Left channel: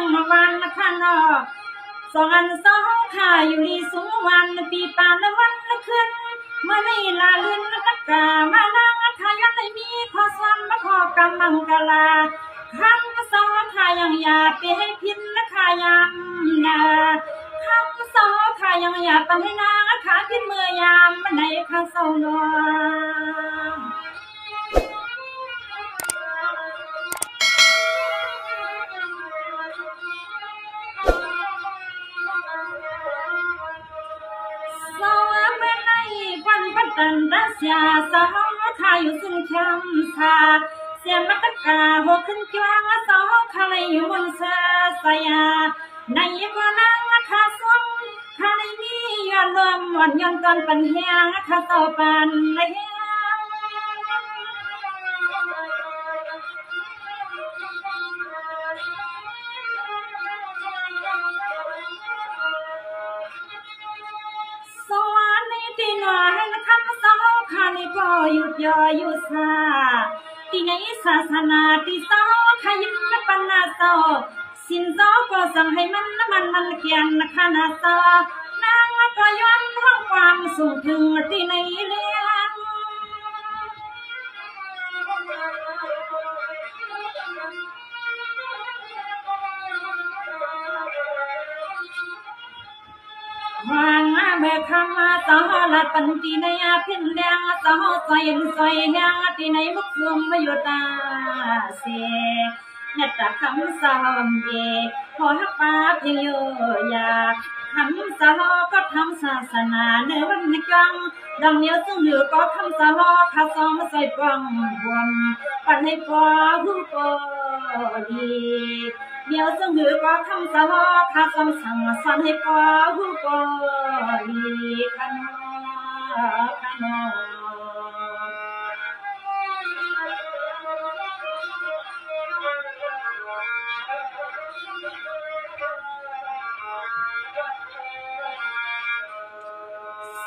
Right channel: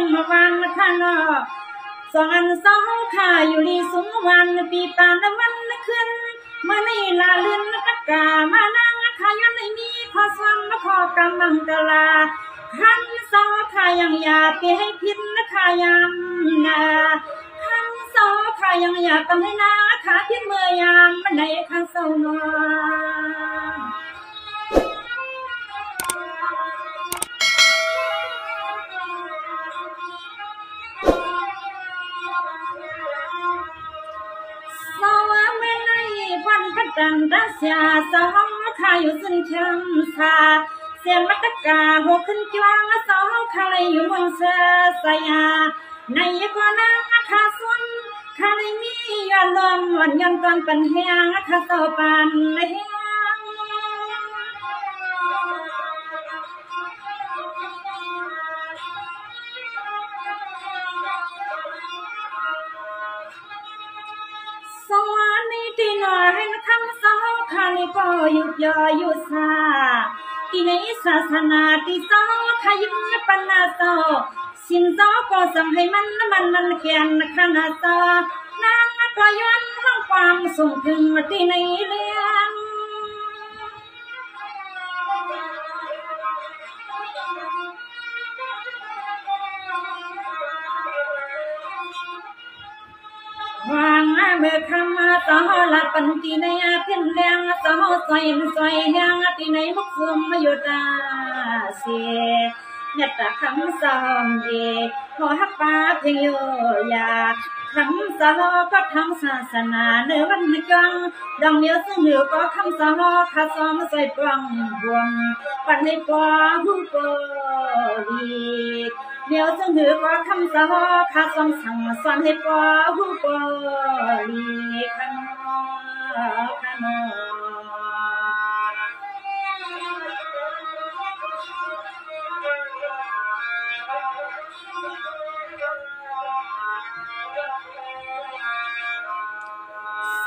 งมาวันนะคะเนาะสองอันสองขาอยู่ดีสูงวันปีปานวันขึ้นเมื่อในลาลื่นกักกามานั่งขายในมีขอสวมมาขอกำมังกลาคำสองขายังอย่าไปให้พิษนะคะยำนาคำสองขายังอย่าทำให้นาขาพิษเมื่อยามมันในข้าเศร้าเนาะกันรัสยาสองขาอยู่ซึ่งช้ำชาเสียมัตกาหกขึ้นจวงสองขาเลยอยู่บนเสือสยาในก็นั่งขาส้มขาเลยมียอดลมวันยันตอนเป็นเฮียงขาเศร้าปันเลยสวรรค์นี้ที่หน่อยนะคำสองขาเลยก็หยุดย่ออยู่ซาที่ในศาสนาที่สองขายิ้มปันนาโซสินสอก็สั่งให้มันเขียนนะคะนาโซนางก็ย้อนห้องความสูงถึงที่ในเลี้ยงวางเมื่อคำต่อหลัดปันตีในเพียนแดงต่อซอยแห้งที่ในลูกซุ่มมาอยู่ตาเสียเนี่ยตาคำสอนเด็กพอฮักป้าเพียงอยู่อยากคำสอนก็ทำศาสนาเนื้อวันจังดองเนี้ยซึ่งเหนือก็คำสอนข้าซ้อมใส่ปองบวงปันให้ปอหูปอดีเดี๋ยวซึ่งหือก็คำสอนข้าซ้อมสั่งสอนให้ปอหูปอดีขนอ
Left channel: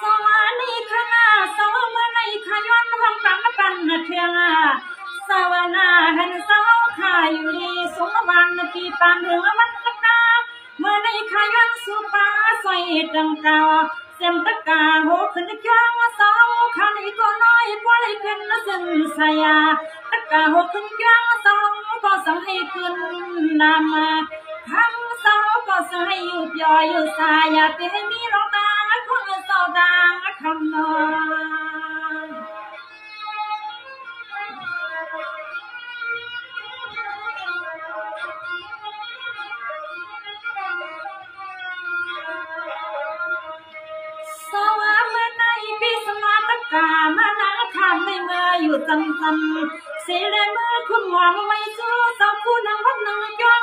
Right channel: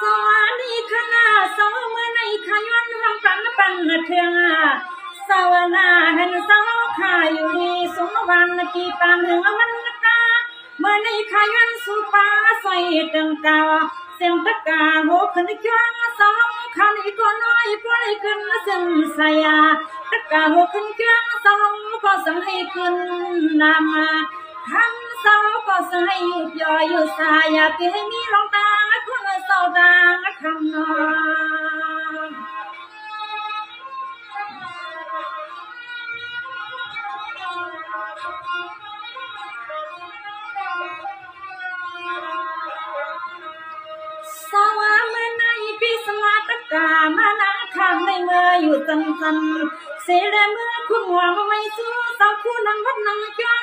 สวัสดีคณะสวเมื่อในขย้อนห้องปันเทียงสวนาเห็นสาวขาอยู่ดีสูงวันปีปานเหนือวันตะเมื่อในขย้อนสุปาใส่ตังกาเสียงตะกาโหขึ้นจ้องสาวขาในตัวน้อยปล่อยขึ้นซึ่งสายาตะกาโหขึ้นจ้องสาวก็สั่งให้ขึ้นนามาคำสาวก็สั่งให้ย่อยอยู่สายาที่ให้มีลงตาคนเศร้าดังคำนองสวะเมื่อในปีสวัสดิ์กามานาคำในเมื่ออยู่จำเสียเรือนเมื่อคุณหัวมาไว้สู้เศร้าคู่นางวัดนางจ้อง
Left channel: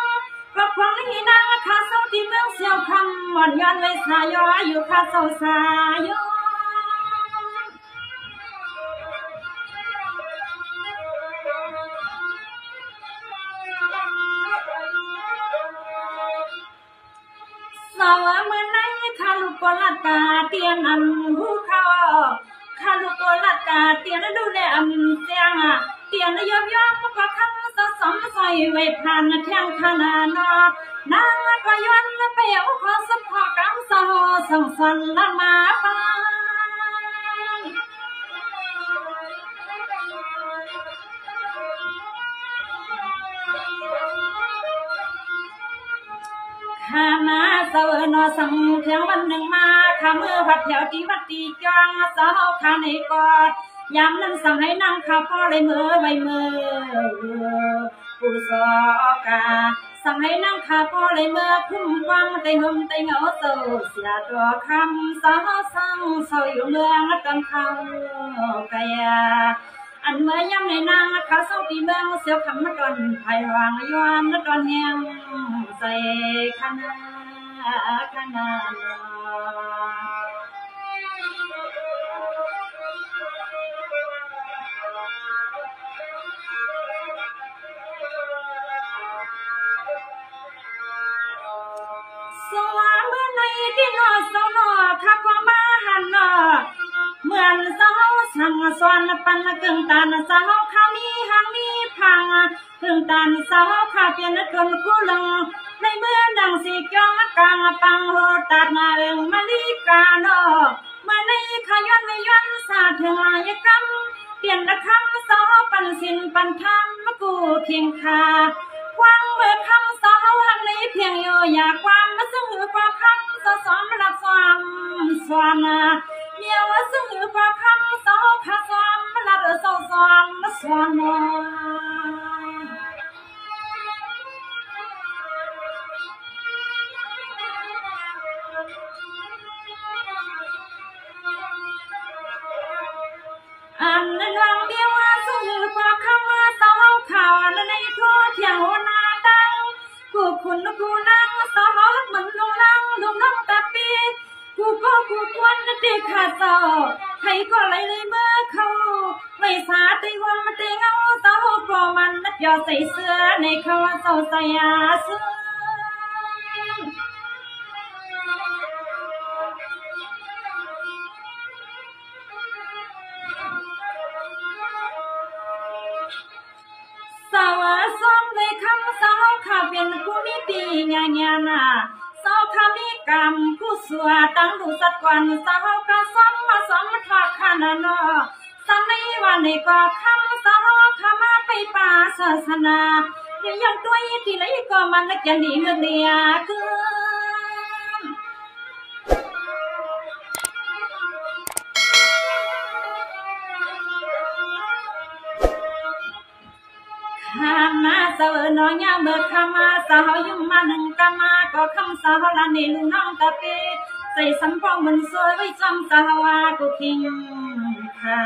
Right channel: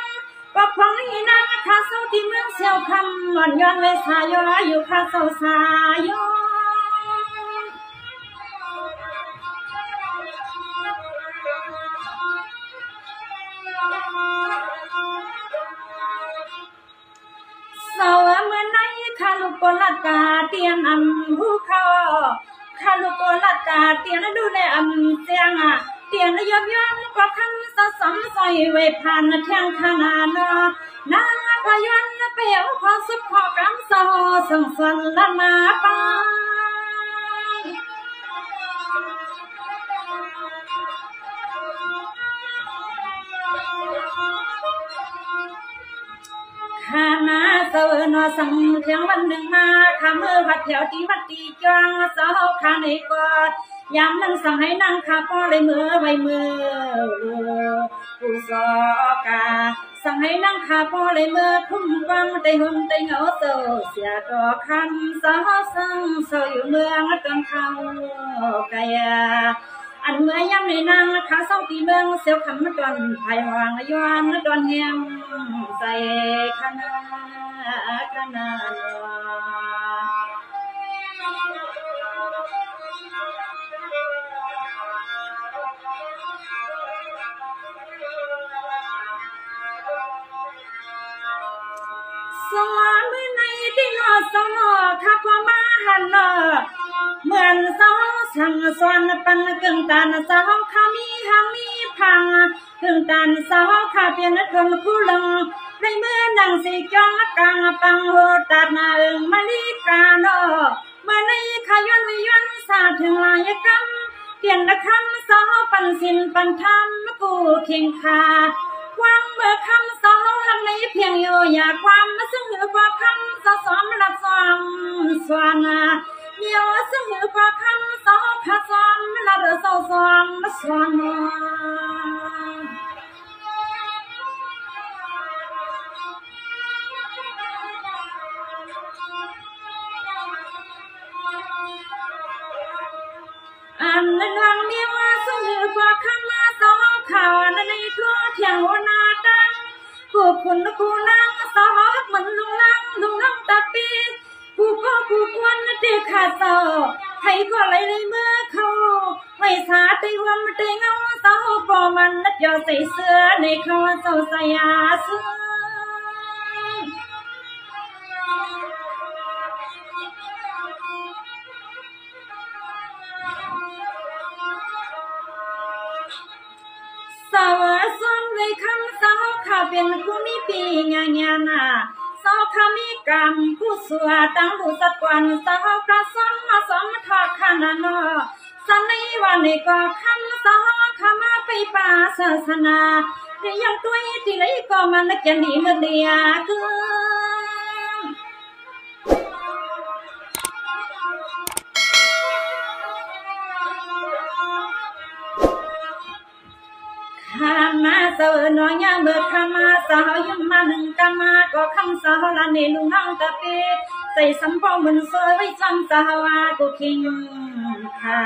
ก็พวงนี้นางข้าเศร้าที่เมืองเสียวคำหม่อนย้อนไว้สายย้อยอยู่ข้าเศร้าสายย้สาวเมื่อไหนข้าลูกโกลัดตาเตียงอันหูเขาข้าลูกโกลัดตาเตียงดูแลอันเตียงเตียงยอมก็คันสะสมใส่ไว้ผ่านแทงขนาดนางก็ย้อนไปเอาขอสุดขอกำสอสั่งสอนละมาปาข้านาเสวนอสังเทียงวันหนึ่งมาข้ามือวัดแถวที่วัดตีจองสาวข้าในกอดยามนั้นสั่งให้นั่งข้าป้อเลยมือไว้มือผู้สอกาสั่งให้นั่งข้าป้อเลยมือคุ้มฟังไต่หุ่มไต่เหงาโซเสียตัวคำสาวสั่งเศร้าอยู่เมืองจนเขาไกลอันเมื่อยามในนางข้าเศร้าปีเมืองเสียวคำมาตอนไผ่วางย้อนตอนแหงใส่ขนาสวาเมื่อในที่นอสนอข้าก็มาหันเหมือนสาวสั่งสอนปันกึ่งตานสาวข้ามีหางมีพังกึ่งตานสาวข้าเปลี่ยนจนคู่ลัง ในเมื่อนางสีจองกลางปังโหตัดนาเอิงมาลีกาโนเมื่อในขย้อนไม่ย้อนสาถึงลายกำเปลี่ยนละคำสอปันสินปันธรรมกูเคียงคาวางเมื่อคำสอหันในเพียงโยอยากความมาซึ่งหือกว่าคำสอสอมรับความสวานาเดียวซึ่งหือกว่าคำสอขาสอมรับสอสอมสวานาอันนั้นวังเดียวซึ่งหือกว่าคำสอข่าวอันในทั่วเที่ยวนาตังกูคุณกูนั่งสอเหมือนลุงลังตาปีกูก็กูควนตีขาดสอให้ก็ไหลเลยเมื่อเขาไม่สาตีหัวมันตีเงาสอปอมันนัดยอใส่เสื้อในเขาสอใส่อาเสื้อสาวซ้อมในคำสาวข้าเป็นผู้มีปีญาญาณาสาวข้ามีกรรมผู้สัวตั้งดูสักวันสาวข้าซ้อมมาซ้อมทอดขนาดนอสันในวันนี้ก็คำสาวข้ามาไปป่าศาสนาเรียงตัวที่ไหนก็มันนักยังดีเลือดเดียคือข้ามาเสวน้อยเมื่อข้ามาสาวยุ่งมาหนึ่งกามาก็คำสาวละในลุงน้องตะเปใส่สัมปอมันสวยไว้จำสาวกูคิงค่ะ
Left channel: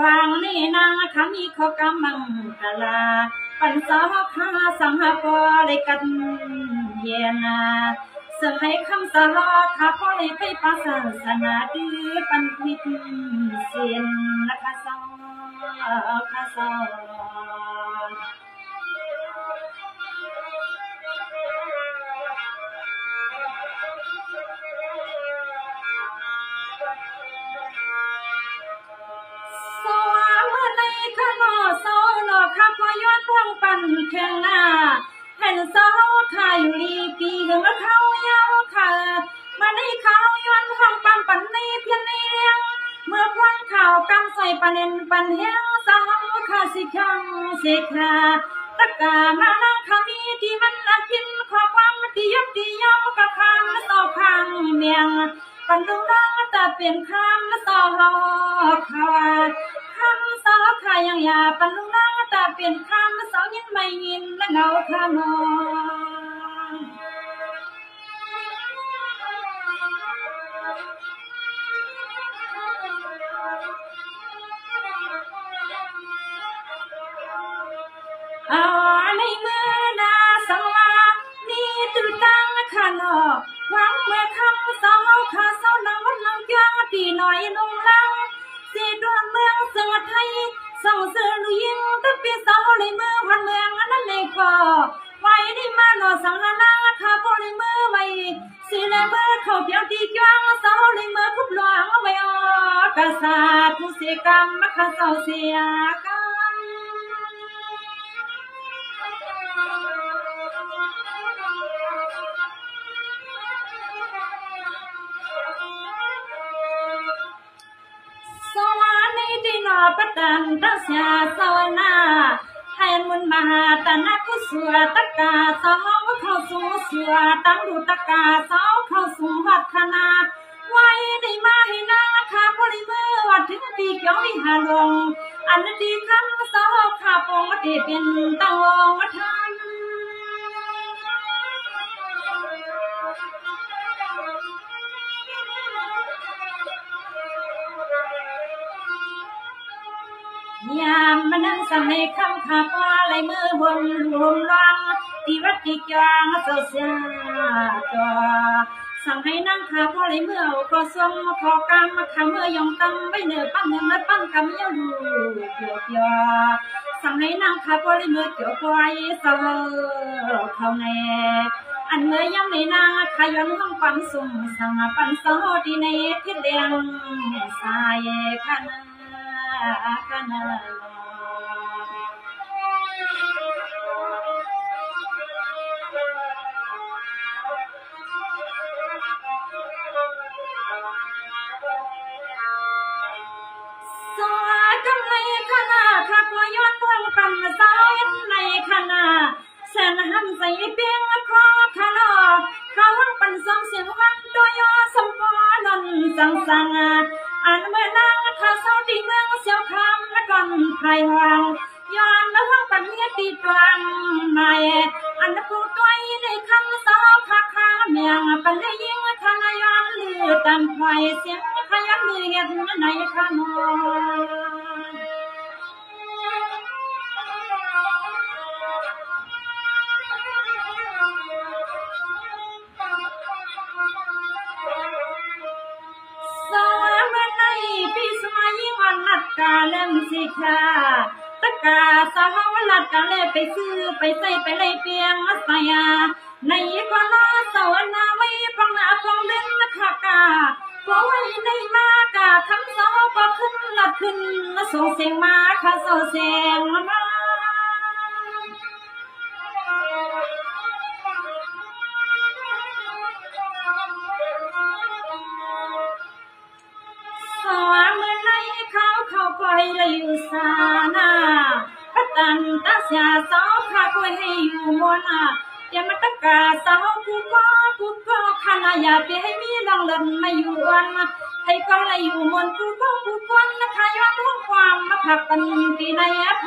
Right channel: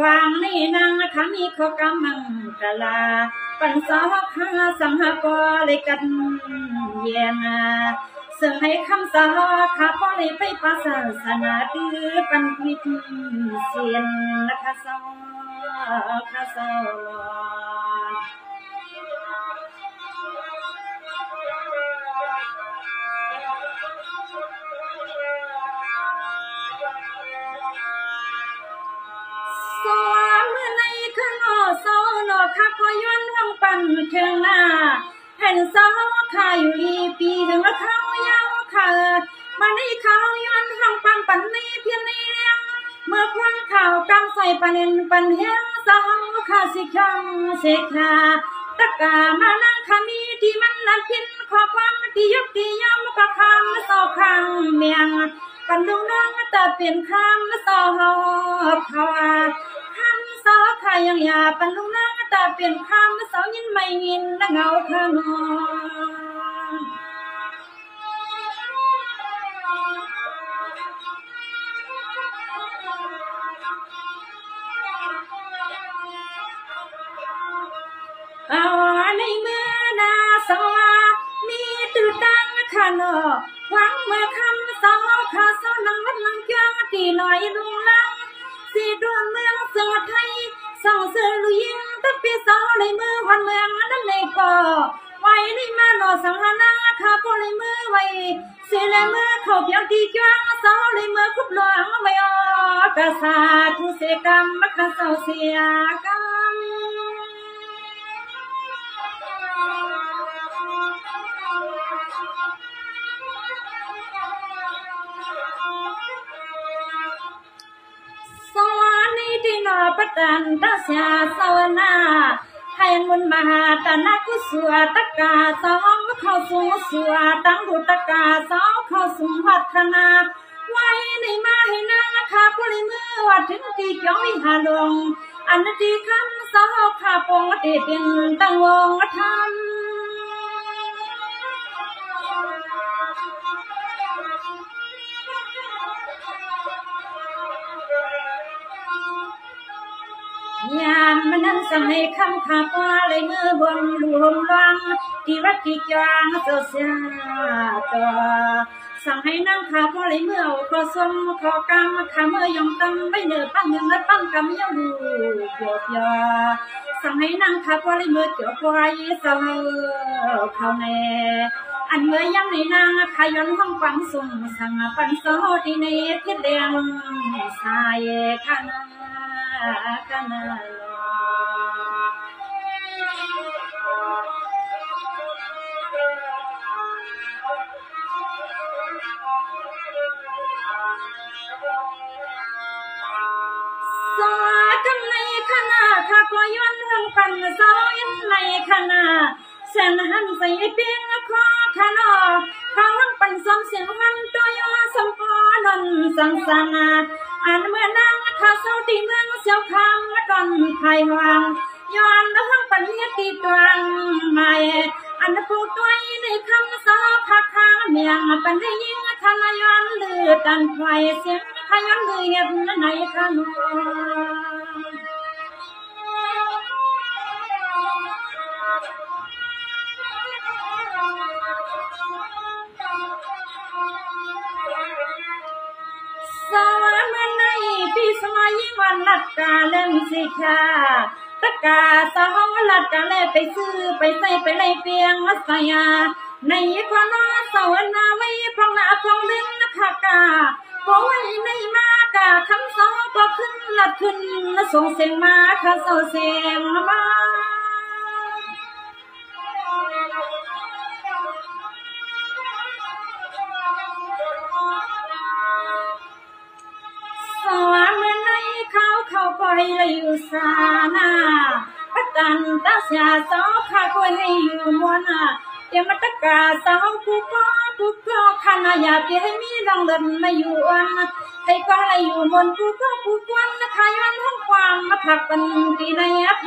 วางนี่นางข้ามีข้อกำมังกะลาปันสาวข้าสังหาปอเลยกันเย็นซึ่งให้คำสาวข้าพอเลยไปปัสสนาดื้อปันพิษเสียนนะคะสาวข้าสาวสาวเมื่อในข้างนอสาวนอข้าก็ย้อนห้องปั่นเครื่องหน้าให้สาวข้าอยู่ดีปีถึงละเขายาวข้ามาในเขาย้อนห้องปั่นในเพียงในเลี้ยงเมื่อควันข่าวกำใส่ปันเอ็นปันเฮียงสาวข้าสิขังเสกาตะกามานั่งขามีที่มันนัดพินขอความที่ยกที่ยอมกับคำสาวข้างเมียงปันดูน้องแต่เปลี่ยนคำสาวเขาคำสาวข้ายังอยากปันดูน้องแต่เปลี่ยนคำสาวยินไม่ยินและเงาข้างนอนเอาในเมื่อนาสวามีตื่นตั้งขานอหวังเมื่อคำสาวข้าสาวนังวัดลังจ้างตีหน่อยลงลังสีดวงเมืองสังไทยส่งเสือลุยินตะปีสาวในมือวันเมืองนั้นในก่อไว้ในมาหนอสังหานาข้าพอในมือไว้เสียในมือเขาเพียงที่จ้างสาวในมือคุบหลวงไว้ออกษาทุเสกรรมมะข้าสาวเสียกรรมสวรรค์ในที่นอประดันตั้งเสียสวนาให้มุนมาตานักกุศลตะกาสาวเข้าสู่สวตั้งดูตะกาสาวเข้าสู่หัตถนาไว้ในมาให้นางข้าพลิมือว่าถึงที่เกี่ยวหาลงอันที่คำสาวข้าปงเตเป็นตั้งวงธรรมยามมันนั้นสั่งให้คำขาปลาไหลมือบนหลวงรังที่วัดที่กลางเจ้าเสียต่อสั่งให้นั่งขาพอไหลมือเอาขอสมขอกรรมขาเมื่อยองตั้งไม่เนื้อปั้นเงินมัดปั้นกำเยาดูเกี่ยวเกี่ยวสั่งให้นั่งขาพอไหลมือเกี่ยวควายสาวเขาแน่อันเมื่อยำในนางขยันห้องปั๊มสุ่มสั่งปันสาวที่ในพิษแดงสายขานา นในขณะข้าก็ย้อนเรื่องปันสาวยันในขณะเส้นหันใส่เปียงคอขนอข้าวังปันสองเสียงวันตัวยอสมปอนนสังสังอันเมื่อนางข้าเศร้าตีเมืองเสียวคำและก่อนไผ่หวังย้อนเรื่องปันเนียตีตวงใหม่อันผู้ตัวในคำสาวข้าข้าเมียงปันได้ยิงขณะย้อนเลือดตันไฟเสียงขย้อนเลือดในขนอวันลัดกาเล่มสิค่ะตะกาสาวลัดกาเล่ไปซื้อไปใส่ไปไล่เปียงมาใส่ในกว่าน้อสาวนาไว้พองหน้าพองดึงนะคะกาพอไว้ในมากาคำสาวก็ขึ้นลัดขึ้นส่งเสียงมาค่ะสาวเสียงมาเขาปล่อยเลยอยู่สานาพัตันตาเสียสาวข้าก็ให้อยู่มัวนาเดี๋ยวมาตะกาสาวกูก็ขณะอยากจะให้มีลองเดินมาอยู่อันให้ก็ให้อยู่มนกูกวนนะคะย้อนห้องความมาผักปันปีในอัพ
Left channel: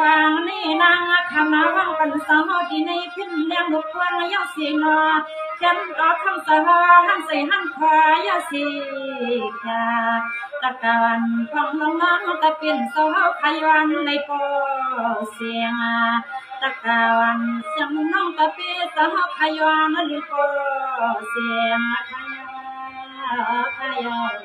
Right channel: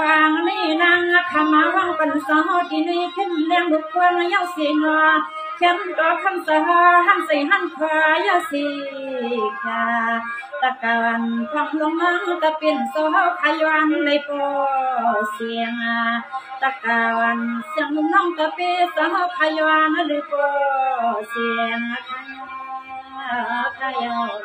วางนี่นางขมาว่างปันสาวที่ในขึ้นแรงบุกควงยาวสีงอฉันก็คำสาหันใส่หันขวายาวสีกาตะการความลงน้องตะเปลี่ยนสาวขยันในโปเสียงตะการเสียงน้องตะเปลี่ยนสาวขยันในโปเสียงขยัน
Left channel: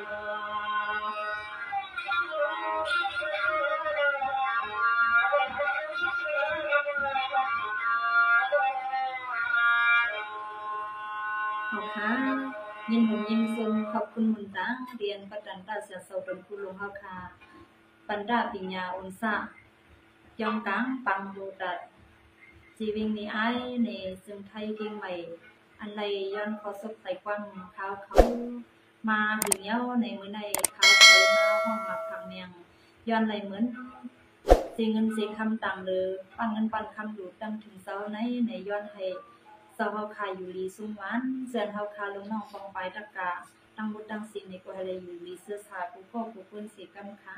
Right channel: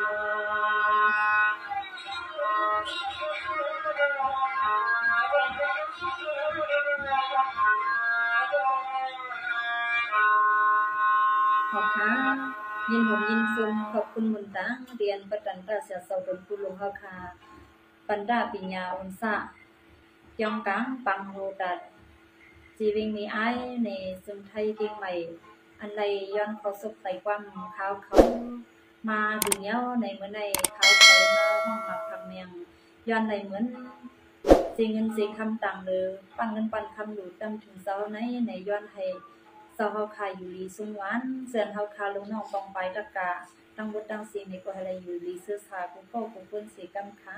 ขอบค่ะยินผมยินซุนขอบคุณมุนตังเรียนประจันตาเสียเสาเป็นผู้ลงเฮาคาปันดาปิญญาอุนซะยองกังปังโหตัดจีวิงมีไอในซึ่งไทยกิ่งใหม่อันใดย้อนเขาสบใส่กว้างเขามาถึงเย้าในเมื่อในเขาใส่มาห้องหมักทำเมียงย้อนในเหมือนสิเงินสิคำต่างเลยปันเงินปันคำอยู่ตั้งถึงเสาในย้อนให้เฮาคาอยู่ลีสุงหวานเสื่อนเฮาคาลงน้องปองไปตะกาตั้งบทตั้งสิ่งในก็อะไรอยู่ลีเสื้อสากูก็กูเปิ้นสิกำค้า